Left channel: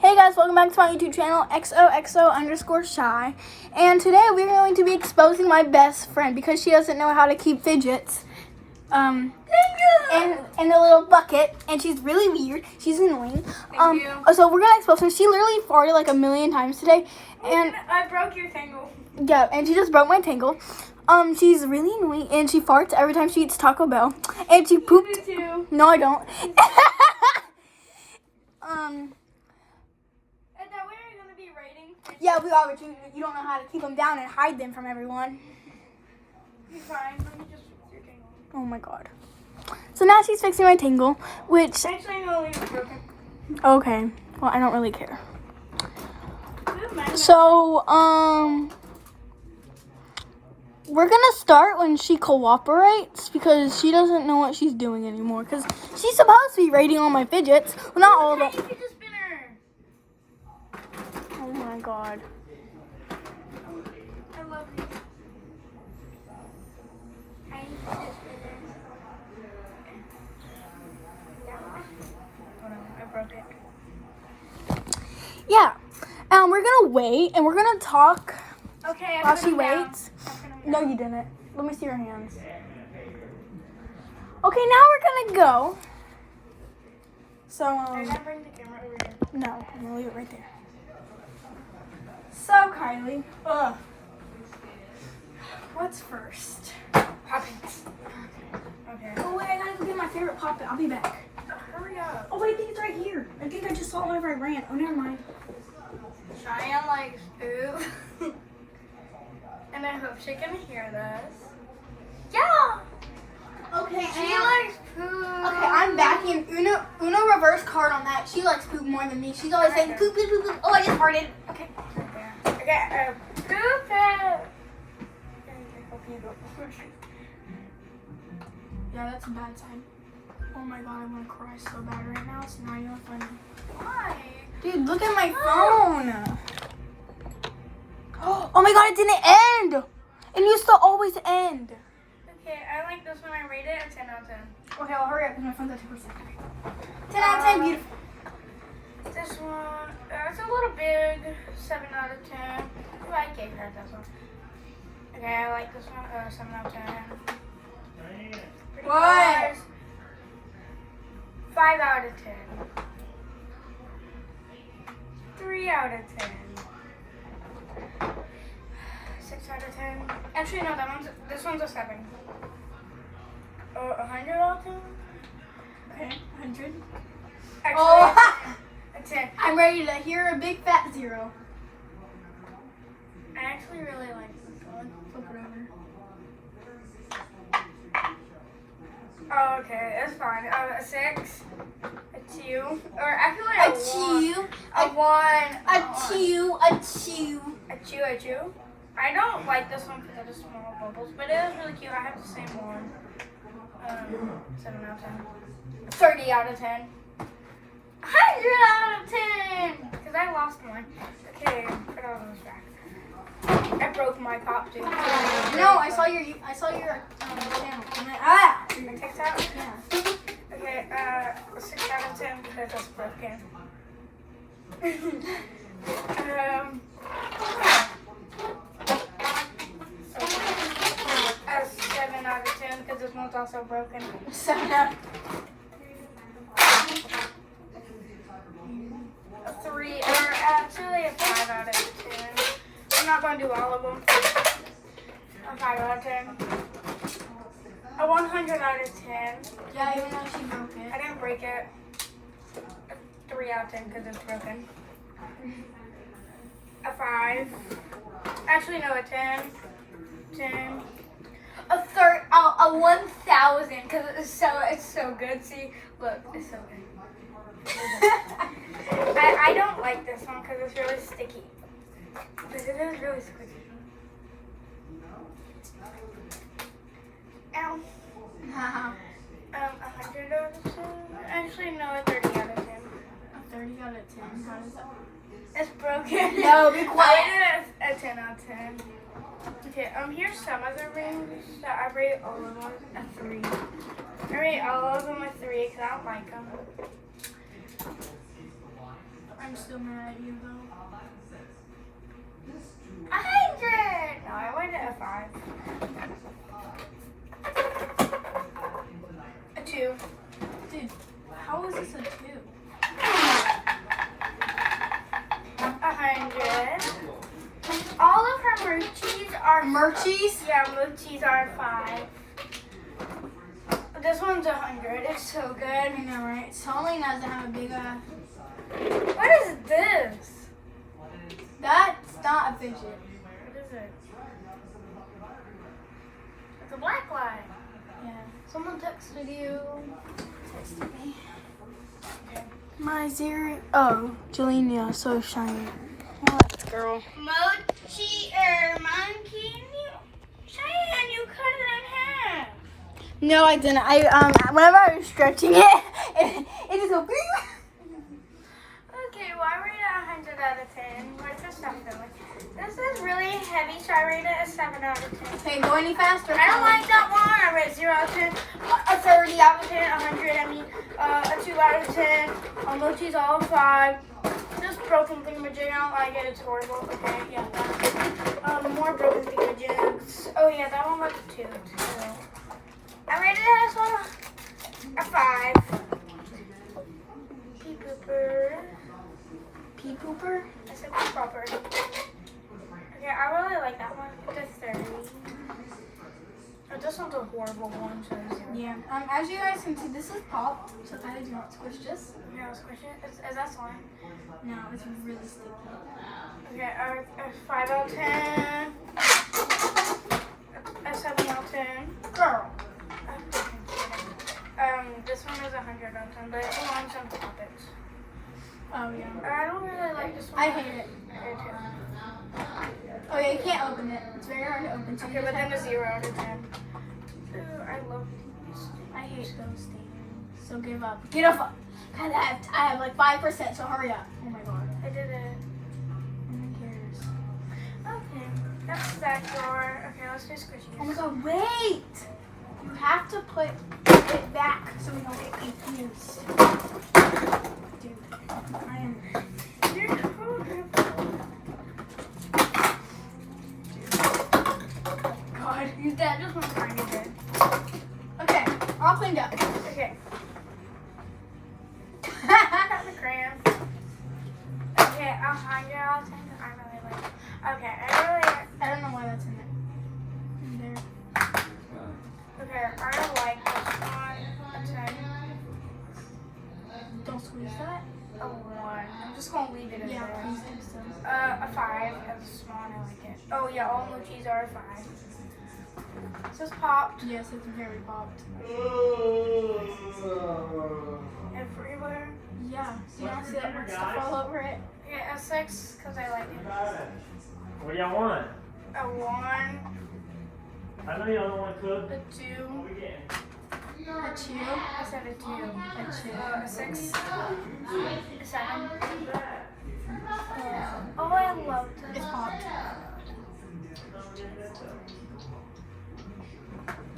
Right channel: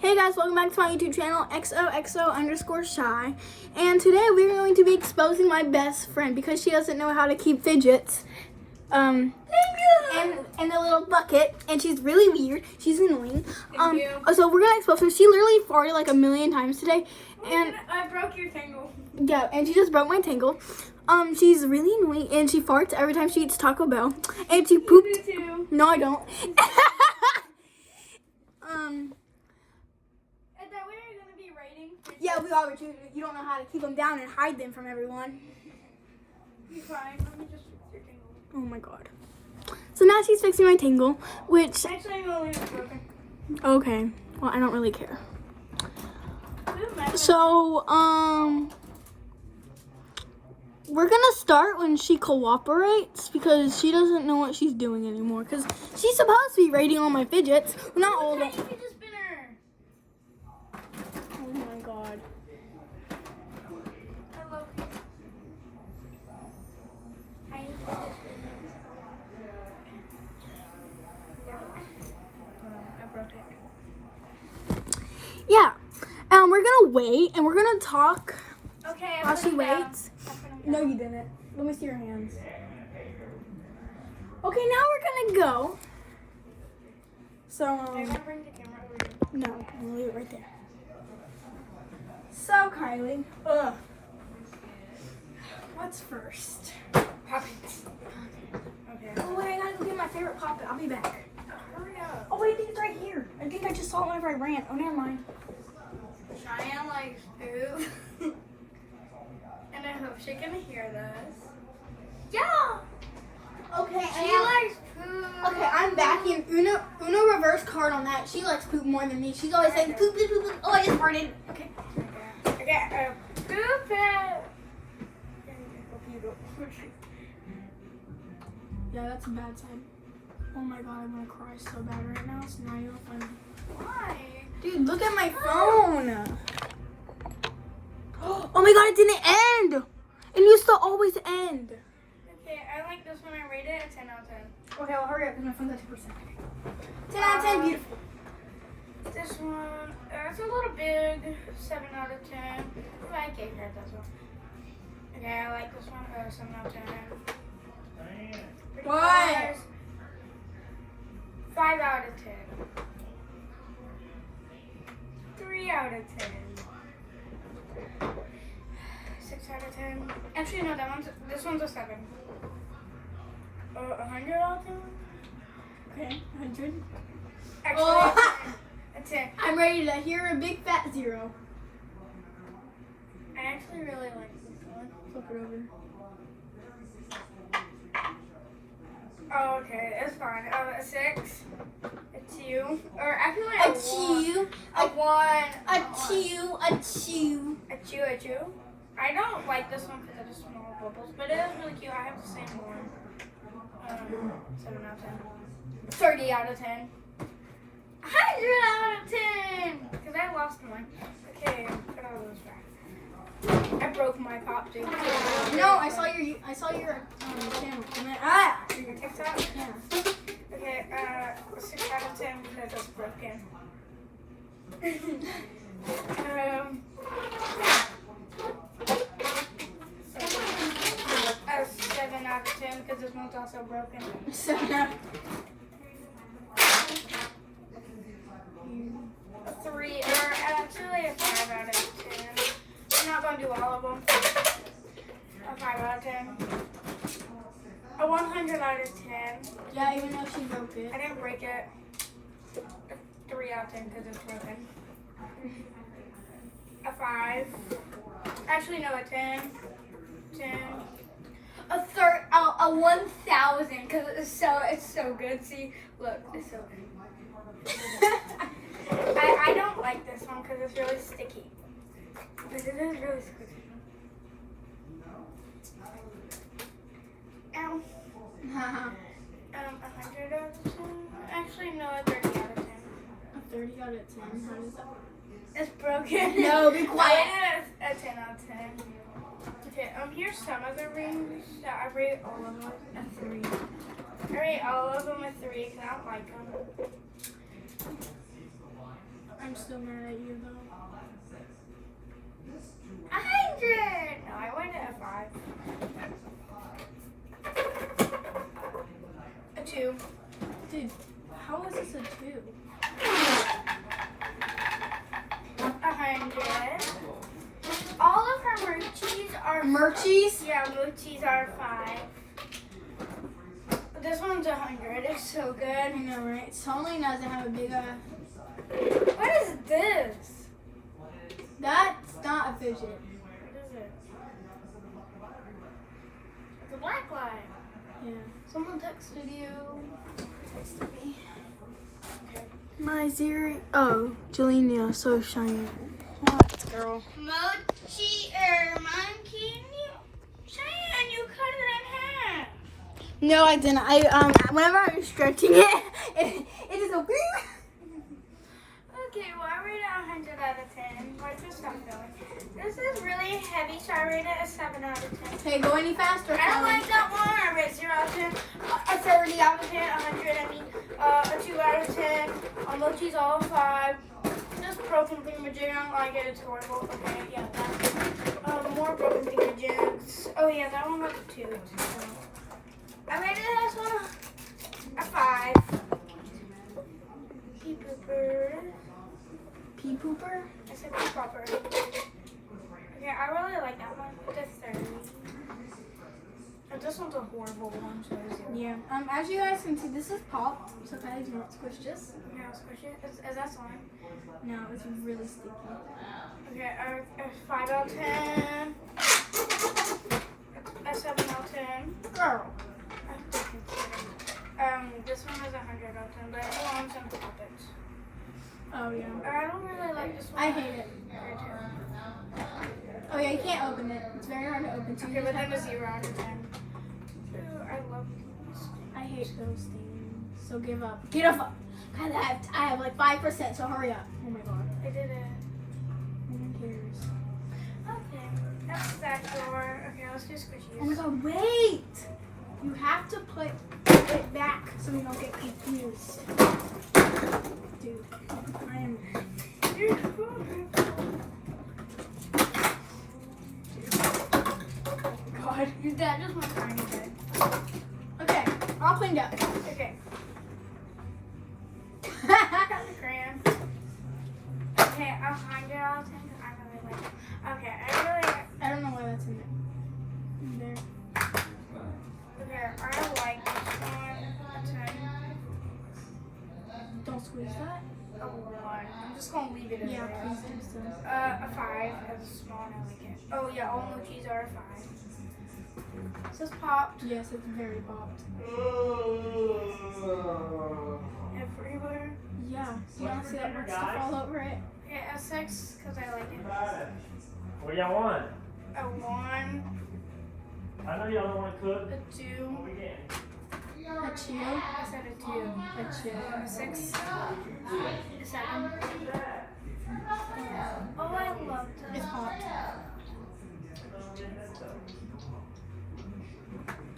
Hey guys, welcome back to my YouTube channel, XOXO_shy. And today we're going to be exposing my best friend because she doesn't know how to keep fidgets in a little bucket, and she's really weird. She's annoying. So we're gonna expose her. She literally farted like a million times today, and I broke your tangle. Yeah, and she just broke my tangle. She's really annoying, and she farts every time she eats Taco Bell, and she pooped. You do too. No, I don't. Is that where you're gonna be writing? Yeah, we are, but you don't know how to keep them down and hide them from everyone. You're fine. Let me just fix your tangle. Oh my god. So now she's fixing my tangle, which... Actually, I'm gonna leave it broken. Okay. Well, I don't really care. Good, So, we're gonna start when she cooperates because she doesn't know what she's doing anymore. Because she's supposed to be rating all my fidgets. Well, not all of them. Fidget spinner. Oh my god. I love you. Tiny fidget spinner. I broke it. Yeah. We're gonna wait and we're gonna talk Okay. while she waits. No, you didn't. Let me see your hands. Okay, now we're gonna go. So, I gotta bring the camera over here. no, I'm gonna leave it right there. So, Kylie, what's first? Poppins. Okay. Oh, wait, I gotta go get my favorite Pop-It. I'll be back. Hurry up. Oh, wait, I think it's right here. I think I just saw it whenever I ran. Oh, never mind. Cheyenne likes food. And I hope she can hear this. Yeah! Okay, She likes poop. Okay, I'm backing Uno reverse card on that. She likes poop more than me. She's always saying poop, poop, poop, poop. Oh, I just farted. Okay. Okay, poop it. Yeah, that's a bad sign. Oh my god, I want to cry so bad right now. It's not even funny. Why? Dude, look at my phone. Oh my god, it didn't end. It used to always end. Okay, I like this one. I rate it a 10 out of 10. Okay, well, hurry up because my phone's at 2%. 10 out of 10, beautiful. This one, it's a little big. 7 out of 10. Well, I gave her this one. Okay, I like this one. 7 out of 10. Pretty What? colors. 5 out of 10. 3 out of 10. 6 out of 10. Actually, no, this one's a 7. 100 out of 10? Okay, 100. Actually, Oh, a 10. I'm ready to hear a big fat 0. I actually really like this one. Flip it over. Oh, okay, it's fine. A 6, a 2, or I feel like A 2, a 1, a 2, a 2. a 2. I don't like this one because of the small bubbles, but it is really cute. I have the same one. 7 out of 10. 30 out of 10. 100 out of 10! Because I lost one. Okay, put all those back. I broke my pop too. No, I saw your channel. Your TikTok? Yeah. Okay, 6 out of 10 because it's broken. A 7 out of 10 because this one's also broken. 7 out of A 3, or actually a 5 out of 10. I'm not going to do all of them. A 5 out of 10. A 100 out of 10. Yeah, even though she broke it. I didn't break it. 3 out of 10 because it's broken. A 5. Actually, no, a 10. 10. A 1,000 because it's so good. See, look, it's so good. I don't like this one because it's really sticky. But it is really squishy. Ow. 100 out of 10. Actually, no, a 30 out of 10. A 30 out of 10. How does that work? It's broken. No, be quiet. I did a 10 out of 10. Okay, here's some of the rings that I rate all of them a 3. I rate all of them a 3 because I don't like them. I'm still mad at you though. 100. No, I went at a 5. A 2. Dude, how is this a 2? 100. All of her Murchies are Murchies? Yeah, Murchies are 5. This one's 100. It's so good. I know, right? It totally doesn't have a big What is this? That's not a fidget. What is it? It's a black light. Yeah. Someone texted you. Texted me. My oh, Jelenia, so shiny. What, girl? Mochi monkey. Cheyenne, you cut it in half. No, I didn't. Whenever I was stretching it, it just go bing. Okay, well, I rate it 100 out of 10. What's your stuff feeling? This is really heavy, so I rate it a 7 out of 10. Hey, go any faster. I don't like that one. I rate 0 out of 10. A 30 out of 10. 100, a 2 out of 10. Mochi's all 5. Just broken thingamajig. I don't like it. It's horrible. Okay, yeah, that. More broken thingamajigs. Oh, yeah, that one was a 2, too. I rated this one a 5. Pee pooper. Pee pooper? I said pee popper. Okay, I really like that one. It's a 30. Oh, this one's a horrible one, so it's 0. Yeah. As you guys can see, this is popped. So Kylie, do you want to squish this? Yeah, I'll squish it. Is that slime? No, it's really sticky. Okay, a 5 out of 10. A 7 out of 10. Girl. This one is 100 out of 10, but it belongs on topics. Oh, yeah. I don't really like this one. I hate it. Oh, yeah, you can't open it. It's very hard to open. So Okay, but then a 0 out of 10. Ooh, I love these. I hate those things. So give up. Get up. God, I have like 5%, so hurry up. Oh my god. I did it. Who cares? Okay, that's that drawer. Okay, let's do squishies. Oh my god, wait! You have to put it back so we don't get confused. Dude, I am. God. That just went tiny bit. Okay, all cleaned up. Okay. Got the crayon. Okay, 100 out of 10. I really like it. Okay, I don't know why that's in there. In there. Okay, I like this one. Don't squeeze that. A 1. I'm just gonna leave it as Yeah, it please is. do so. A 5. It's small and I like it. Oh yeah, all mochis are a 5. This is popped Yes, it's very popped. everywhere. Yeah. Do you not see that red stuff all over it? Yeah, a 6 because I like it. What do y'all want? A 1. I know y'all don't want to cook. A 2. What we getting? A 2. I said a 2. A 2. A 6. A 7. Oh, I love this. It's popped.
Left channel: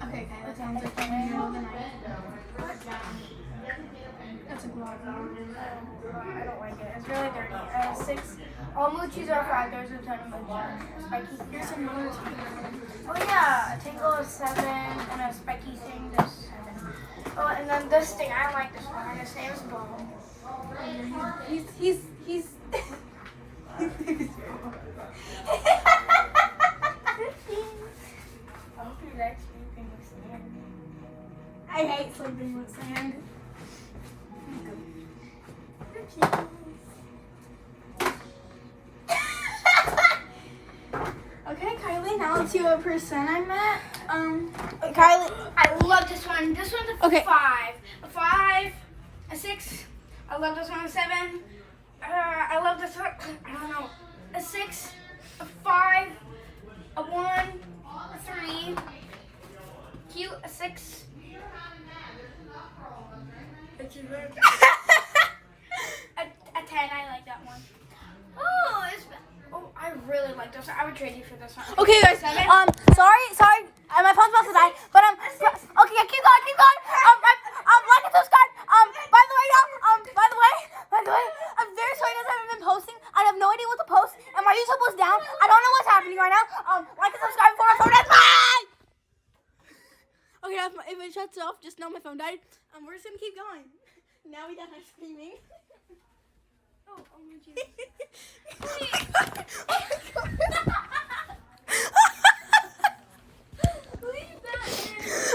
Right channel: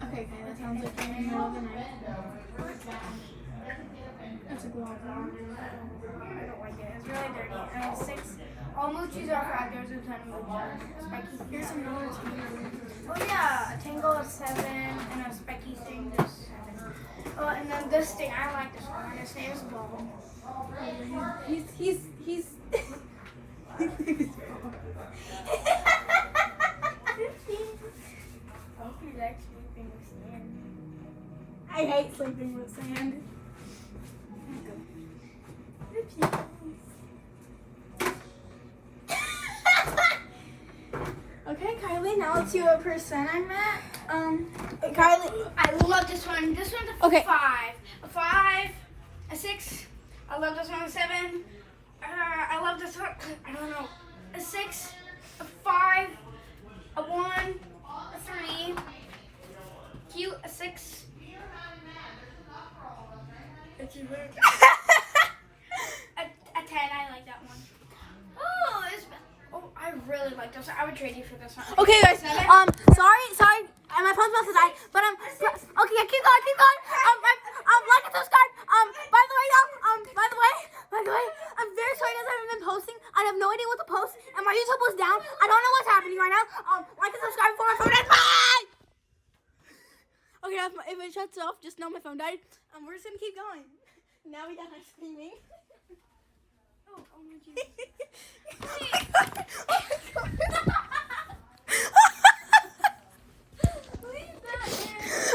Okay, that sounds like you're in the middle of the night. That's a guava. I don't like it. It's really dirty. 6. All mochis are 5. There's a ton of mochis. Spiky. Here's another 2. Oh yeah, a tangle of 7 and a spiky thing is 7. Oh, and then this thing, I like this one. And his name is Bob. He's his name is Bob. I hope he's actually sleeping with sand. I hate sleeping with sand. Okay, Kylie, now let's see what percent I'm at. Kylie. I love this one. This one's a Okay. 5. A 5. A 6. I love this one. A 7. I love this one. I don't know. A 6. A 5. A 1. A 3. Cute. A 6. A 10. I like that one. Oh, I really like this one. I would trade you for this one. Okay, guys. Sorry. My phone's about to die. But okay, yeah, keep going. Like and subscribe. By the way, I'm very sorry, guys. I haven't haven't been posting. I have no idea what to post, and my YouTube was down. I don't know what's happening right now. Like and subscribe before my phone dies. Bye! Okay, if it shuts off, just know my phone died. We're just gonna keep going. Now we got her screaming. Oh my Jesus.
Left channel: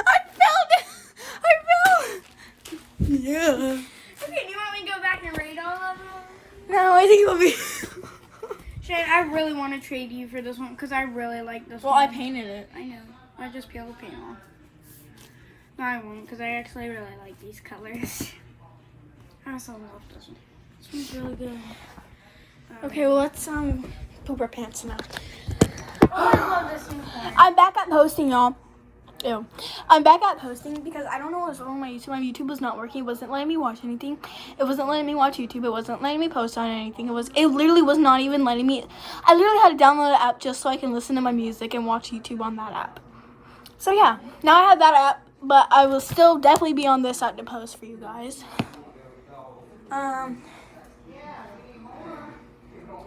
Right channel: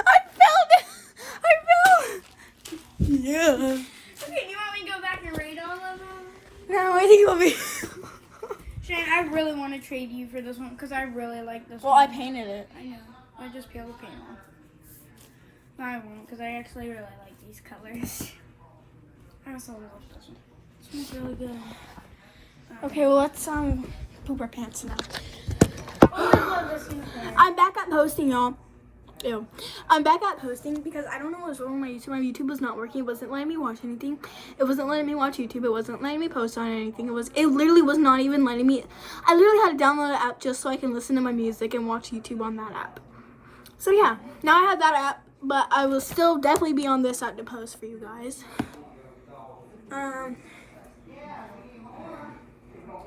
I felt it. I felt. Yeah. Okay, do you want me to go back and rate all of them? No, I think it'll be. Shane, I really want to trade you for this one because I really like this Well, I one. painted it. I know. I just peeled the paint off. No, I won't because I actually really like these colors. I also love this one. This one's really good. Okay, well let's poop our pants now. Oh, I love this one. I'm back at posting, y'all. Ew. I'm back at posting because I don't know what's wrong with my YouTube. My YouTube was not working. It wasn't letting me watch anything. It wasn't letting me watch YouTube. It wasn't letting me post on anything. It literally was not even letting me. I literally had to download the app just so I can listen to my music and watch YouTube on that app. So yeah, now I have that app, but I will still definitely be on this app to post for you guys.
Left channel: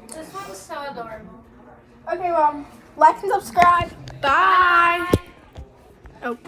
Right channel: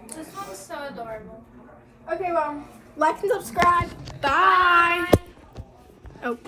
This one's so adorable. Okay, well, like and subscribe. Bye. Oh.